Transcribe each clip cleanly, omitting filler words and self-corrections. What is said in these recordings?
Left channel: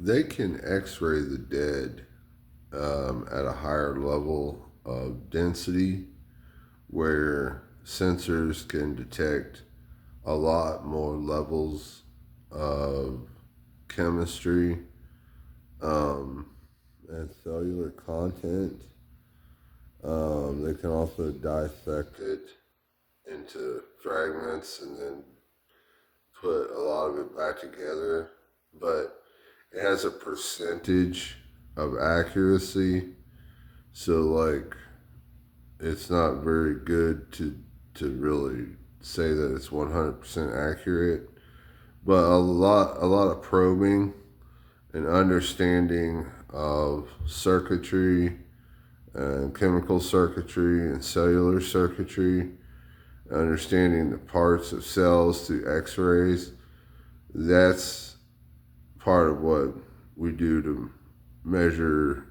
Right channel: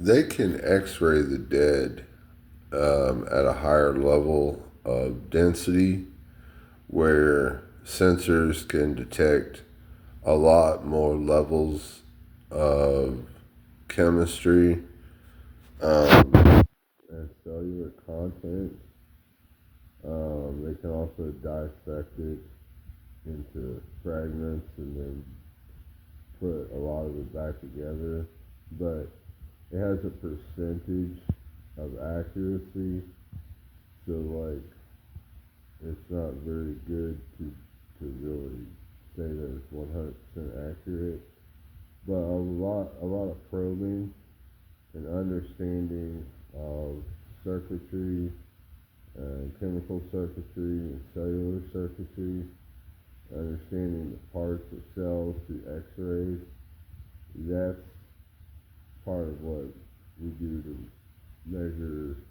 They can x-ray the dead at a higher level of density where sensors can detect a lot more levels of chemistry and cellular content. They can also dissect it into fragments and then put a lot of it back together. But it has a percentage of accuracy. So, like, it's not very good to really say that it's 100% accurate. But a lot of probing and understanding of circuitry and chemical circuitry and cellular circuitry, understanding the parts of cells through x-rays, that's part of what we do to measure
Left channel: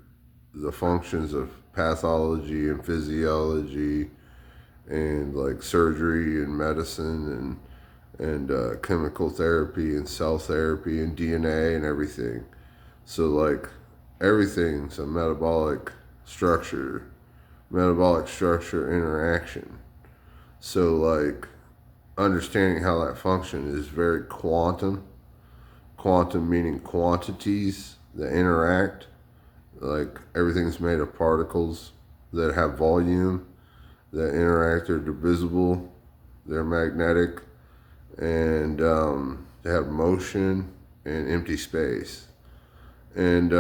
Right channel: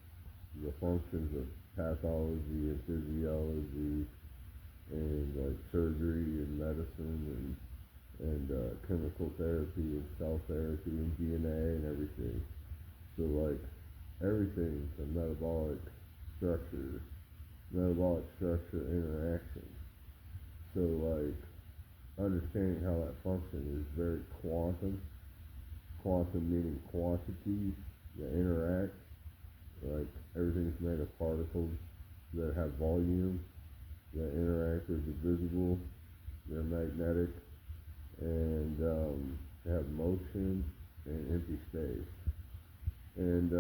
the functions of pathology and physiology and like surgery and medicine and chemical therapy and cell therapy and DNA and everything. So like everything's a metabolic structure interaction. So like understanding how that function is very quantum. Quantum meaning quantities that interact. Like everything's made of particles that have volume, that interact. They're divisible. They're magnetic, and they have motion and empty space. And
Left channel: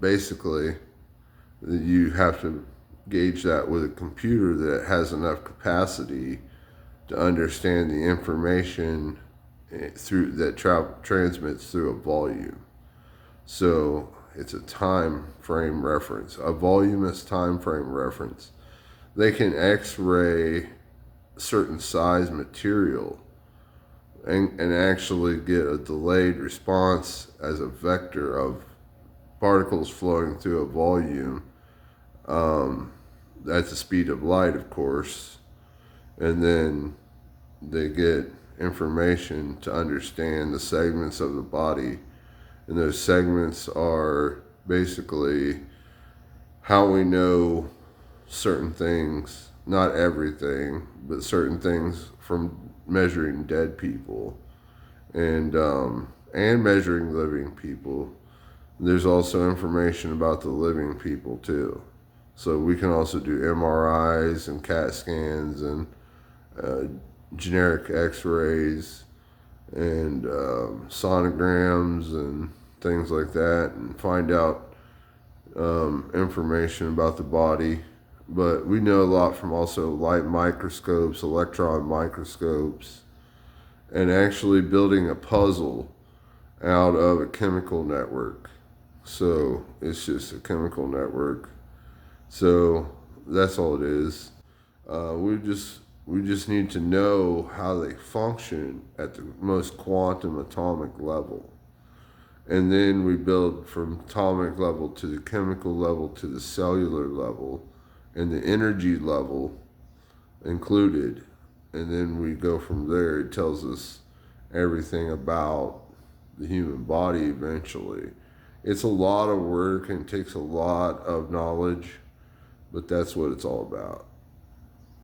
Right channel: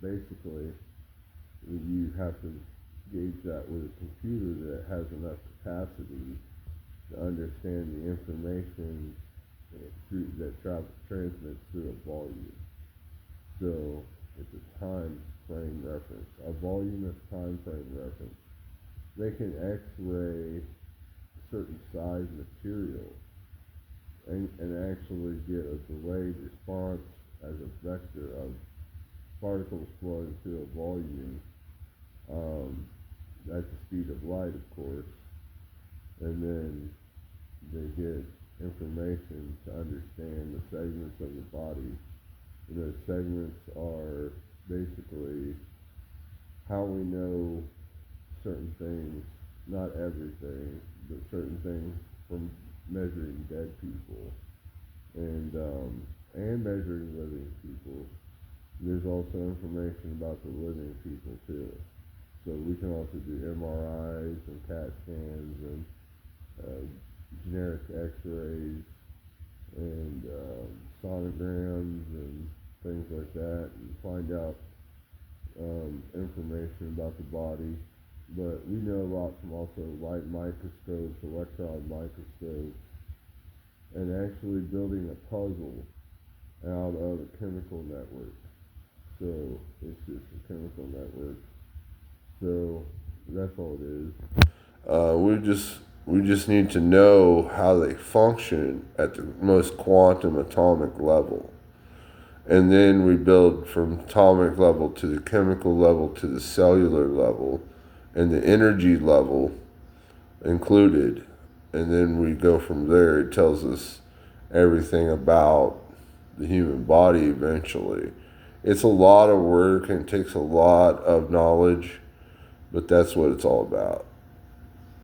basically, you have to gauge that with a computer that has enough capacity to understand the information through that transmits through a volume. So it's a time frame reference. A volume is time frame reference. They can X-ray certain size material and actually get a delayed response as a vector of particles flowing through a volume at the speed of light, of course, and then they get information to understand the segments of the body. And those segments are basically how we know certain things, not everything, but certain things from measuring dead people and measuring living people. There's also information about the living people too. So we can also do MRIs and CAT scans and uh, generic X-rays and sonograms and things like that, and find out information about the body. But we know a lot from also light microscopes, electron microscopes, and actually building a puzzle out of a chemical network. So it's just a chemical network. So that's all it is. We just need to know how they function at the most quantum atomic level. And then we build from atomic level to the chemical level to the cellular level and the energy level included. And then we go from there. It tells us everything about the human body eventually. It's a lot of work and takes a lot of knowledge, but that's what it's all about.